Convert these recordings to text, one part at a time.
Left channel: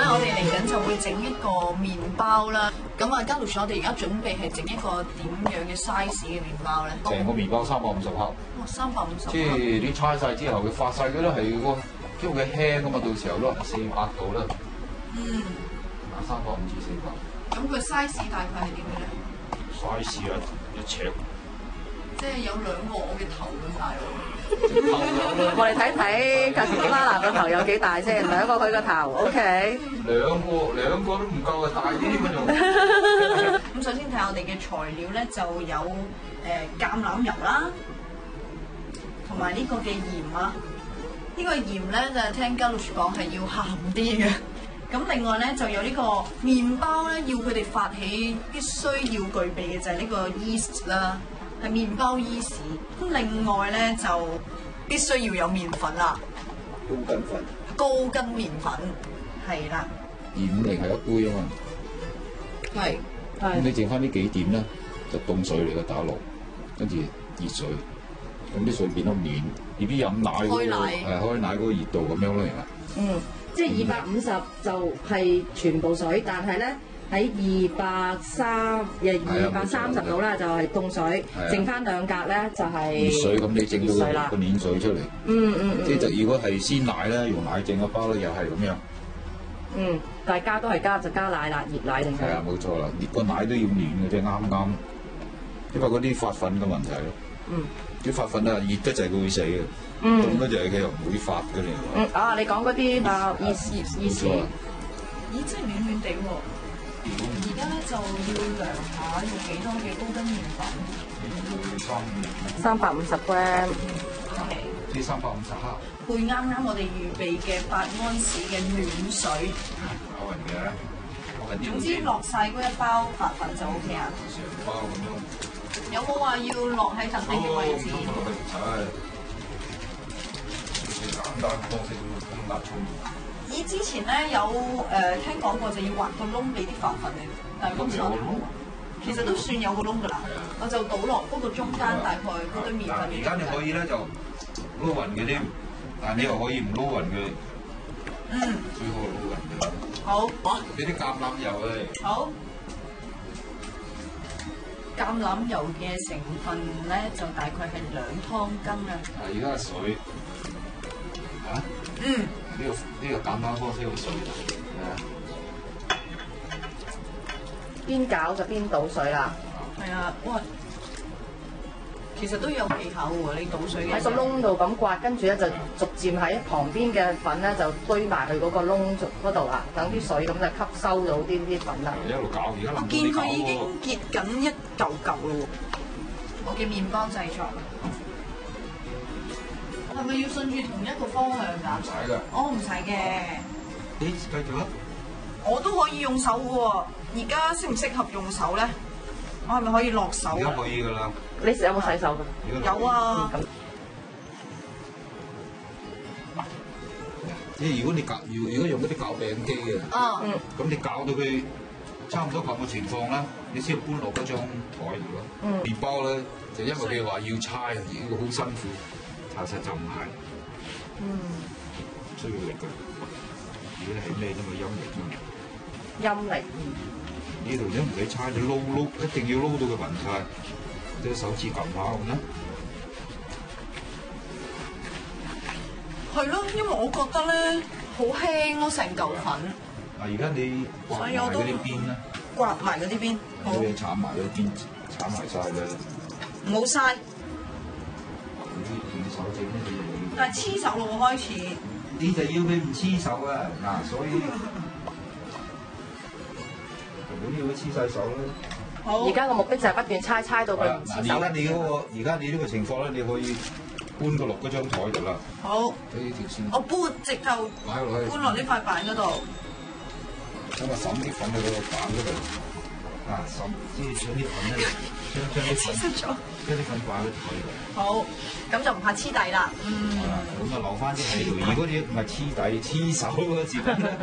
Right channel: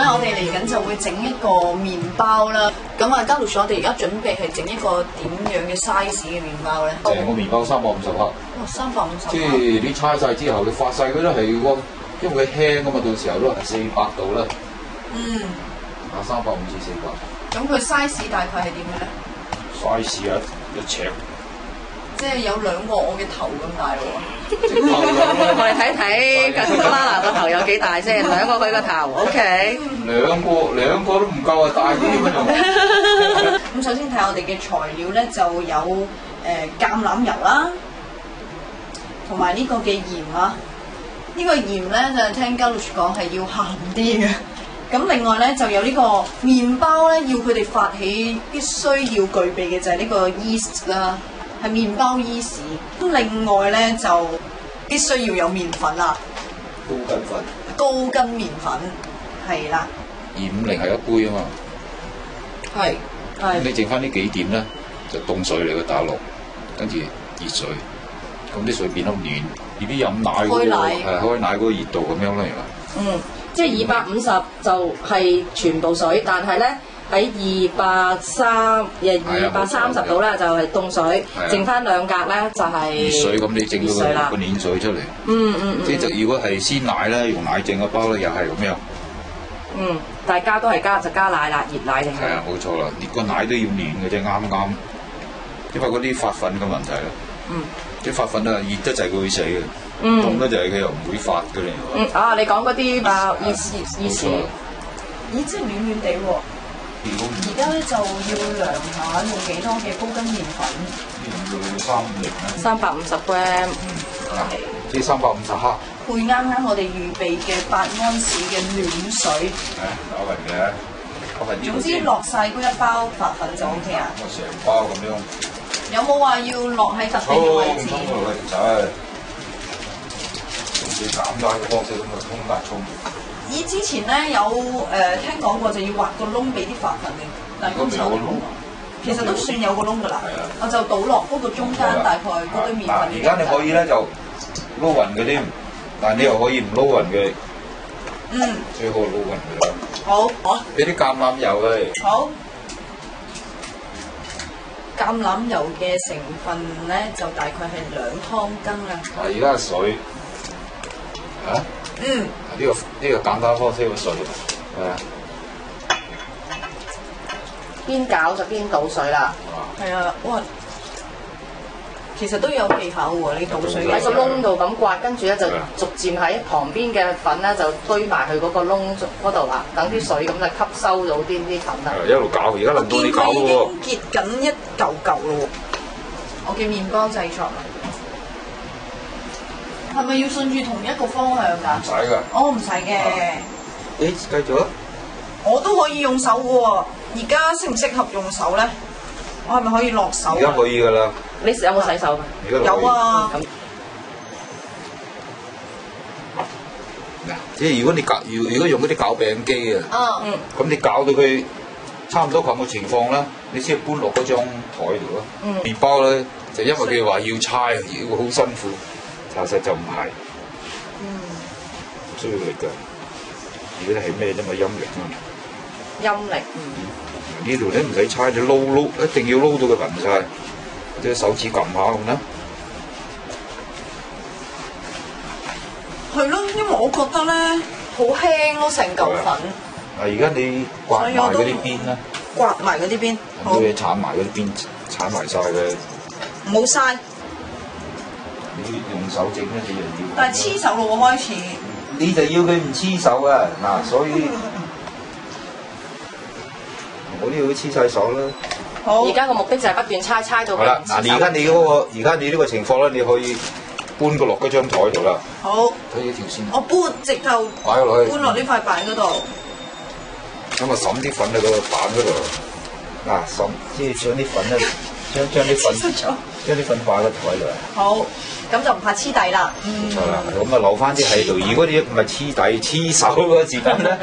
咧，我哋嚟緊就會整一個麵包啦。咁啊，嘉路我哋而家準備係整一個點樣嘅 size 嘅麵包咧？成個麵包350克。哇，350。即係你搓晒之後，你發晒嗰啲係喎，因為佢輕啊嘛，到時候都係400度啦。嗯。啊，350至400。咁佢 size 大概係點嘅咧 ？size 啊，1尺。即係有2個我嘅頭咁大咯喎。睇睇頭有幾大先，2個佢個頭 ，OK。兩個都唔夠啊，大啲咁樣。咁首先睇我哋嘅材料咧，就有橄欖油啦，同埋呢個嘅鹽啊。呢個鹽咧就聽嘉路講係要鹹啲嘅。咁另外咧就有呢個麵包咧，要佢哋發起必須要具備嘅就係呢個 yeast 啦。係麵包伊士，咁另外咧就必須要有麵粉啦，高筋麵粉，係啦。250係一杯啊嘛，係。咁你剩翻呢幾點咧，就凍水嚟嘅打落，跟住熱水，咁啲水變得暖，BB 飲奶嗰個係開奶嗰個熱度咁樣啦，係嘛？即係250就係全部水，但係咧。喺230度咧就係凍水，剩翻2格咧就係熱水，咁你整到個暖水出嚟。即係就如果係鮮奶咧，用奶整個包咧，又係咁樣。大家都係就加奶啦，熱奶定係？係啊，冇錯啦，個奶都要暖嘅啫，啱啱。因為嗰啲發粉嘅問題咯。啲發粉啊，熱得滯佢會死嘅，凍得滯佢又唔會發嘅你。你講嗰啲意思。冇錯。咦，真係暖暖地喎！而家咧就要量下用幾多嘅高筋麵粉。要350 gram。即係350克。配啱啱我哋預備嘅8安士嘅暖水。攪勻嘅，總之落晒嗰一包發粉就 OK 啊。成包咁樣。有冇話要落喺特定嘅位置？沖落去就係用最簡單嘅方式咁去沖。咦，之前咧有聽講過就要挖個窿俾啲發粉嘅，但係今次我冇。其實都算有個窿㗎啦。我就倒落嗰個中間大概嗰堆麵粉。而家你可以咧就撈勻嗰啲，但係你又可以唔撈勻嘅。最好撈勻㗎啦。好。俾啲橄欖油佢。好。橄欖油嘅成分咧就大概係2湯羹啦。而家水。呢個簡單方式嘅水，邊攪就邊倒水啦。係啊，哇！其實都有技巧喎，你倒水嘅喺個窿度咁刮，跟住咧就逐漸喺旁邊嘅粉咧就堆埋去嗰個窿嗰度啦，等啲水咁就吸收到啲粉啦。一路攪，而家輪到你攪咯喎。我見佢已經結緊一嚿嚿咯喎。我嘅麵包製作啦。係咪要順住同一個方向㗎？唔使㗎。唔使嘅。繼續啊！我都可以用手嘅喎。而家適唔適合用手咧？我係咪可以落手？而家可以㗎啦。你有冇洗手㗎？有啊。即係如果你如果用嗰啲攪餅機啊，咁你攪到佢差唔多咁嘅情況咧，你先搬落嗰張台度咯。麵包咧就因為佢話要搓，要好辛苦。查實就唔係，唔需要力㗎。如果你係咩啫嘛，陰力啫嘛。陰力。呢度咧唔使猜，你撈一定要撈到佢勻晒，即係手指撳下咁啦。係咯，因為我覺得咧好輕咯，成嚿粉。而家你刮埋嗰啲邊啦。刮埋嗰啲邊。好。你鏟埋嗰啲邊，鏟埋晒佢。唔好嘥。用手整咧，你就要。但係黐手咯喎，開始。你就要佢唔黐手啊！嗱，所以我都要佢黐晒手啦。好。而家個目的就係不斷搓到。好啦，嗱，而家你呢個情況咧，你可以搬個落嗰張台度啦。好。睇呢條線。我搬直頭。擺落去。搬落呢塊板嗰度。咁啊，揼啲粉喺個板嗰度。嗱，揼即係將啲粉咧，將啲粉擺喺個台度。好，咁就唔怕黐底啦。冇錯啦，咁啊留翻啲喺度。如果你唔係黐底黐手嗰個時間咧，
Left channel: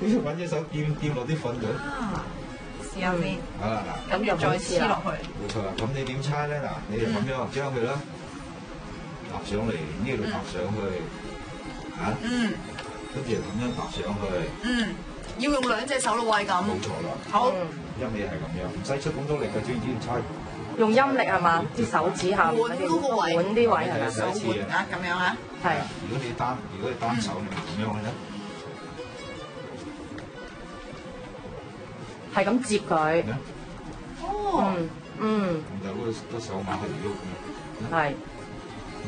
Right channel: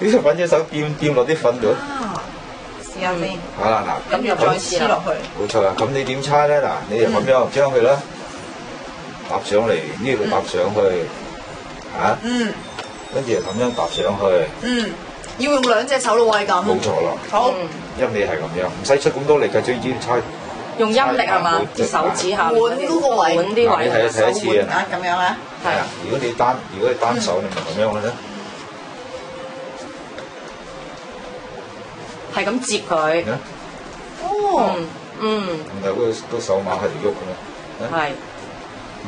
你就揾隻手掂落啲粉度。試下先。好啦，嗱，跟住再黐落去。冇錯啦，咁你點搓咧？嗱，你就咁樣將佢咧搭上嚟，呢度搭上去，跟住就咁樣搭上去。嗯，要用兩隻手咯喎，係咁。冇錯啦。好，陰你係咁樣，唔使出咁多力嘅，最主要猜。用陰力係嘛？隻手指下滿嗰個位，滿啲位，你睇一次啊！咁樣啊？係啊，如果你單手，你咪咁樣嘅啫。係咁接佢。哦。嗯。咁有個手馬喺度喐嘅。係。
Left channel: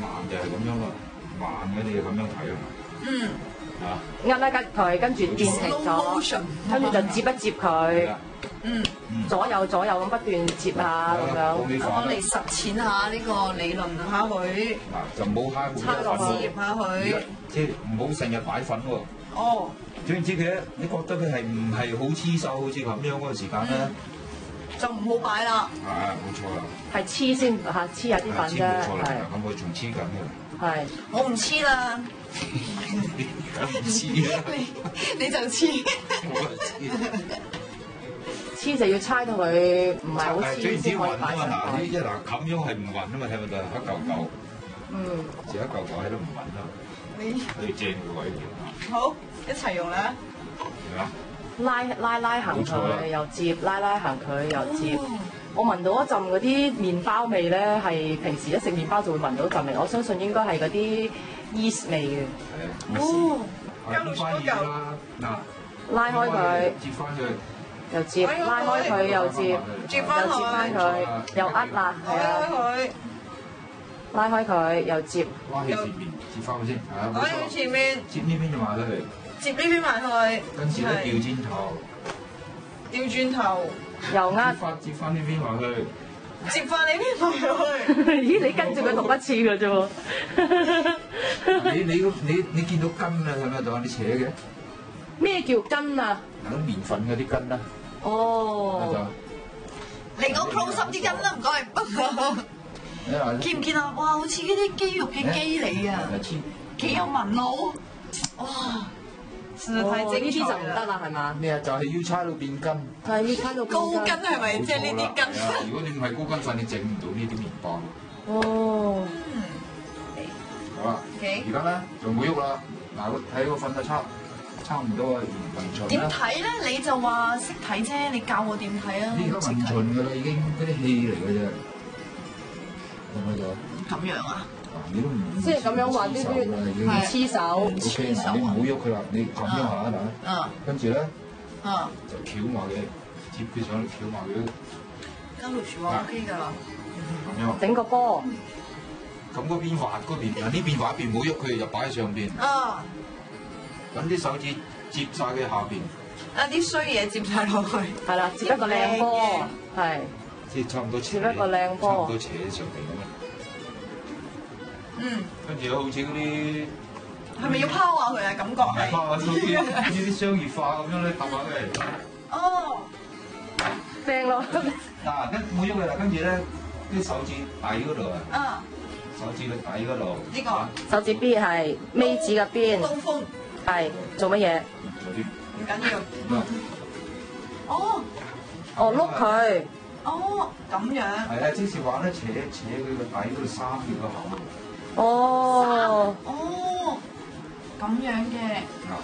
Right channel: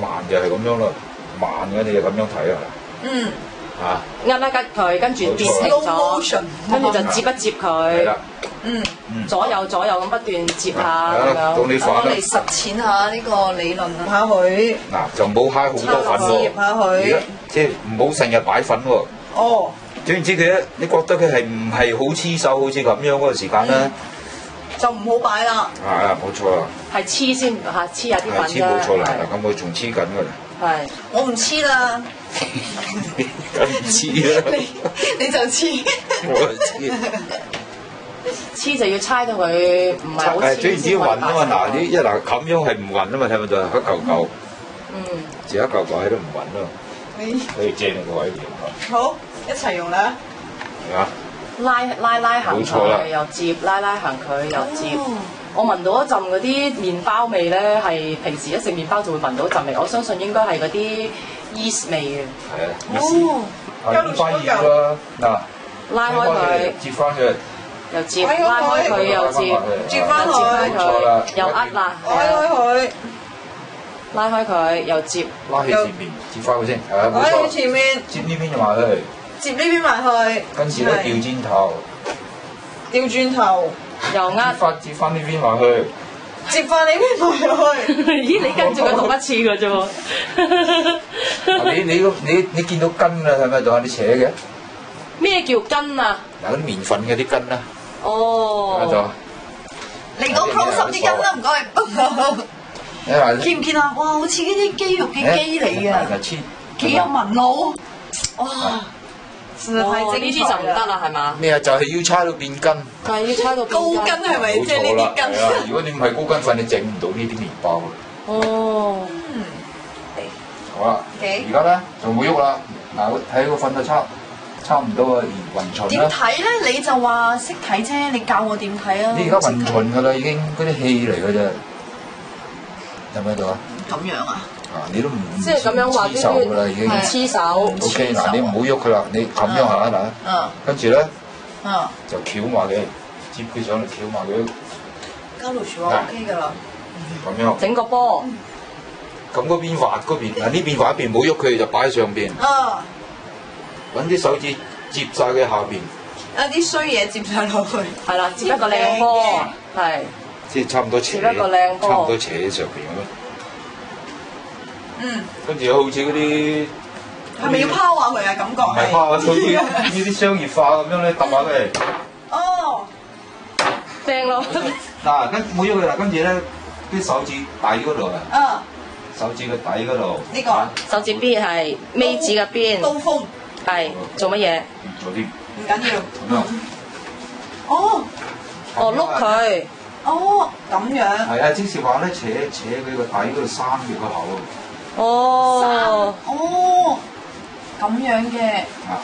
慢就係咁樣咯，慢嘅你就咁樣睇啊。嗯。嚇。壓佢，跟住跌 slow motion，跟住就接一接佢。係啦。左右咁不斷接下咁樣。到你反啦。我嚟實踐下呢個理論啊！下佢。嗱，就唔好揩好多粉喎。接下佢。即係唔好成日擺粉喎。哦。總言之佢咧，你覺得佢係唔係好黐手，好似咁樣嗰個時間咧？就唔好擺啦。係啊，冇錯啦。係黐先嚇，黐下啲粉啫。黐冇錯啦，咁我仲黐緊㗎啦。係。我唔黐啦。梗唔黐啦。你就黐。我黐。黐就要猜到佢唔係好黐。總言之要勻啊嘛，嗱呢一嗱咁樣係唔勻啊嘛，睇唔睇到一嚿嚿。自一嚿嚿喺度唔勻咯。可以正個位嚟。好，一齊用啦。係啊。拉行佢又接，拉行佢又接。我聞到一陣嗰啲麵包味咧，係平時一食麵包就會聞到陣味。我相信應該係嗰啲 yeast 味嘅。係啊。哦。咁翻熱啦，嗱，拉開佢，接翻佢，又接，拉開佢又接，接翻佢，冇錯啦，又壓啦，拉開佢，拉開佢又接，拉起前面，接翻佢先，係啊，冇錯。拉起前面，接呢邊就埋去，接呢邊埋去，跟住咧調轉頭，調轉頭，又壓，接翻呢邊埋去，接翻呢邊埋去。咦？你跟住佢讀一次嘅啫喎。你見到筋啦，係咪仲有啲扯嘅？咩叫筋啊？嗱，嗰啲麵粉嘅啲筋啦。哦。睇到。嚟講 close up 啲筋啦，唔該。見唔見啊？哇，好似呢啲肌肉嘅肌嚟啊！幾有紋路。哇！實在太精彩啦！呢啲就唔得啦，係嘛？咩啊？就係要猜到變筋。係要猜到高筋係咪？即係呢啲筋。如果你唔係高筋粉，你整唔到呢啲麵包。哦。好啦。而家咧就冇喐啦。嗱，睇個粉就差唔多啊，勻循點睇咧？你就話識睇啫，你教我點睇啊？你而家勻循㗎啦，已經嗰啲氣嚟㗎啫，有冇喺度啊？咁樣啊？即係咁樣話黐手㗎啦，已經黐手。OK，嗱，你唔好喐佢啦，你咁樣下嗱，跟住咧就翹埋佢，接佢上嚟翹埋佢。交流說話 OK 㗎啦。咁樣。整個波。咁嗰邊滑嗰邊，嗱呢邊滑一邊，唔好喐佢就擺喺上邊。揾啲手指接晒佢下邊。有啲衰嘢接晒落去。係啦，接一個靚波。係。即係差唔多扯，差唔多扯喺上邊咁樣。跟住好似嗰啲。係咪要拋下佢啊？感覺係。唔係拋下，好似呢啲商業化咁樣咧，揼下佢。哦。正咯。嗱，唔好喐佢啦，跟住咧啲手指底嗰度啊。手指個底嗰度。呢個。手指邊係尾指嘅邊。刀鋒。係做乜嘢？做啲唔緊要。咁樣。哦。哦，碌佢。哦，咁樣。係啊，即是話咧，扯佢個底嗰度閂住個口。哦。哦。咁樣嘅。啊。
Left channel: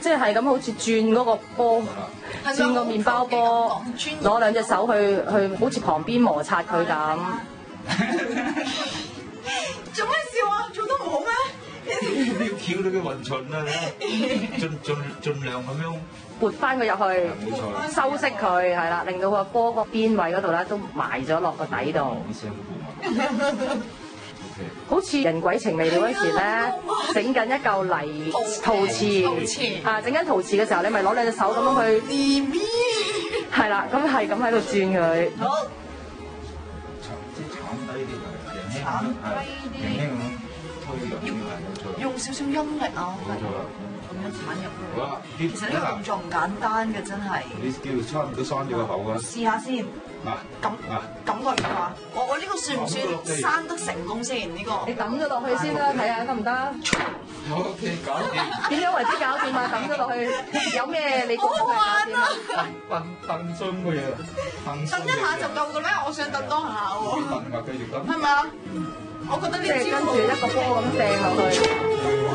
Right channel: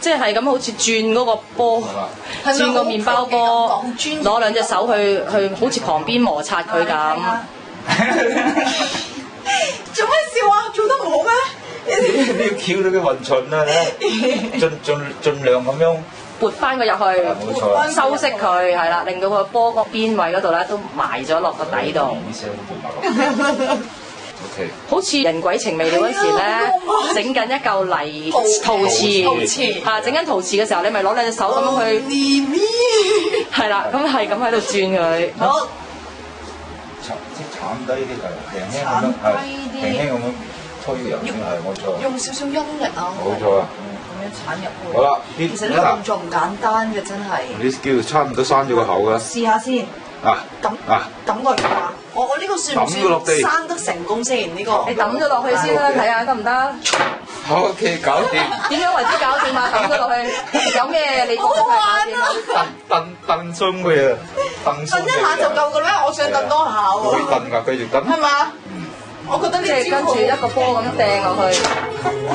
即係咁，好似轉嗰個波。係轉個麵包波。攞兩隻手去，好似旁邊摩擦佢咁。做咩笑啊？做得唔好咩？你要翹到佢勻循啊！盡量咁樣撥翻佢入去，撥翻收息佢，係啦，令到個波個邊位嗰度咧都埋咗落個底度。OK。好似人鬼情未到嗰時咧，整緊一嚿泥陶瓷啊！整緊陶瓷嘅時候，你咪攞兩隻手咁去，係啦，咁係咁喺度轉佢。好。即係鏟低啲係，輕輕咁樣推入去，係冇錯。用少少陰力啊！冇錯啊！咁樣鏟入去。好啦，其實呢個動作唔簡單嘅，真係。你叫差唔多閂咗個口㗎。試下先。感覺點啊？我呢個算唔算生得成功先？呢個你抌咗落去先啦，睇下得唔得？好 OK，搞掂。點樣為之搞掂啊？抌咗落去，有咩你？好好玩啊！蹬鬆佢啊！蹬一下就夠㗎啦，我想蹬多下喎。可以蹬㗎，繼續蹬。係嘛？我覺得呢招好。跟住一個波咁掟落去。哇！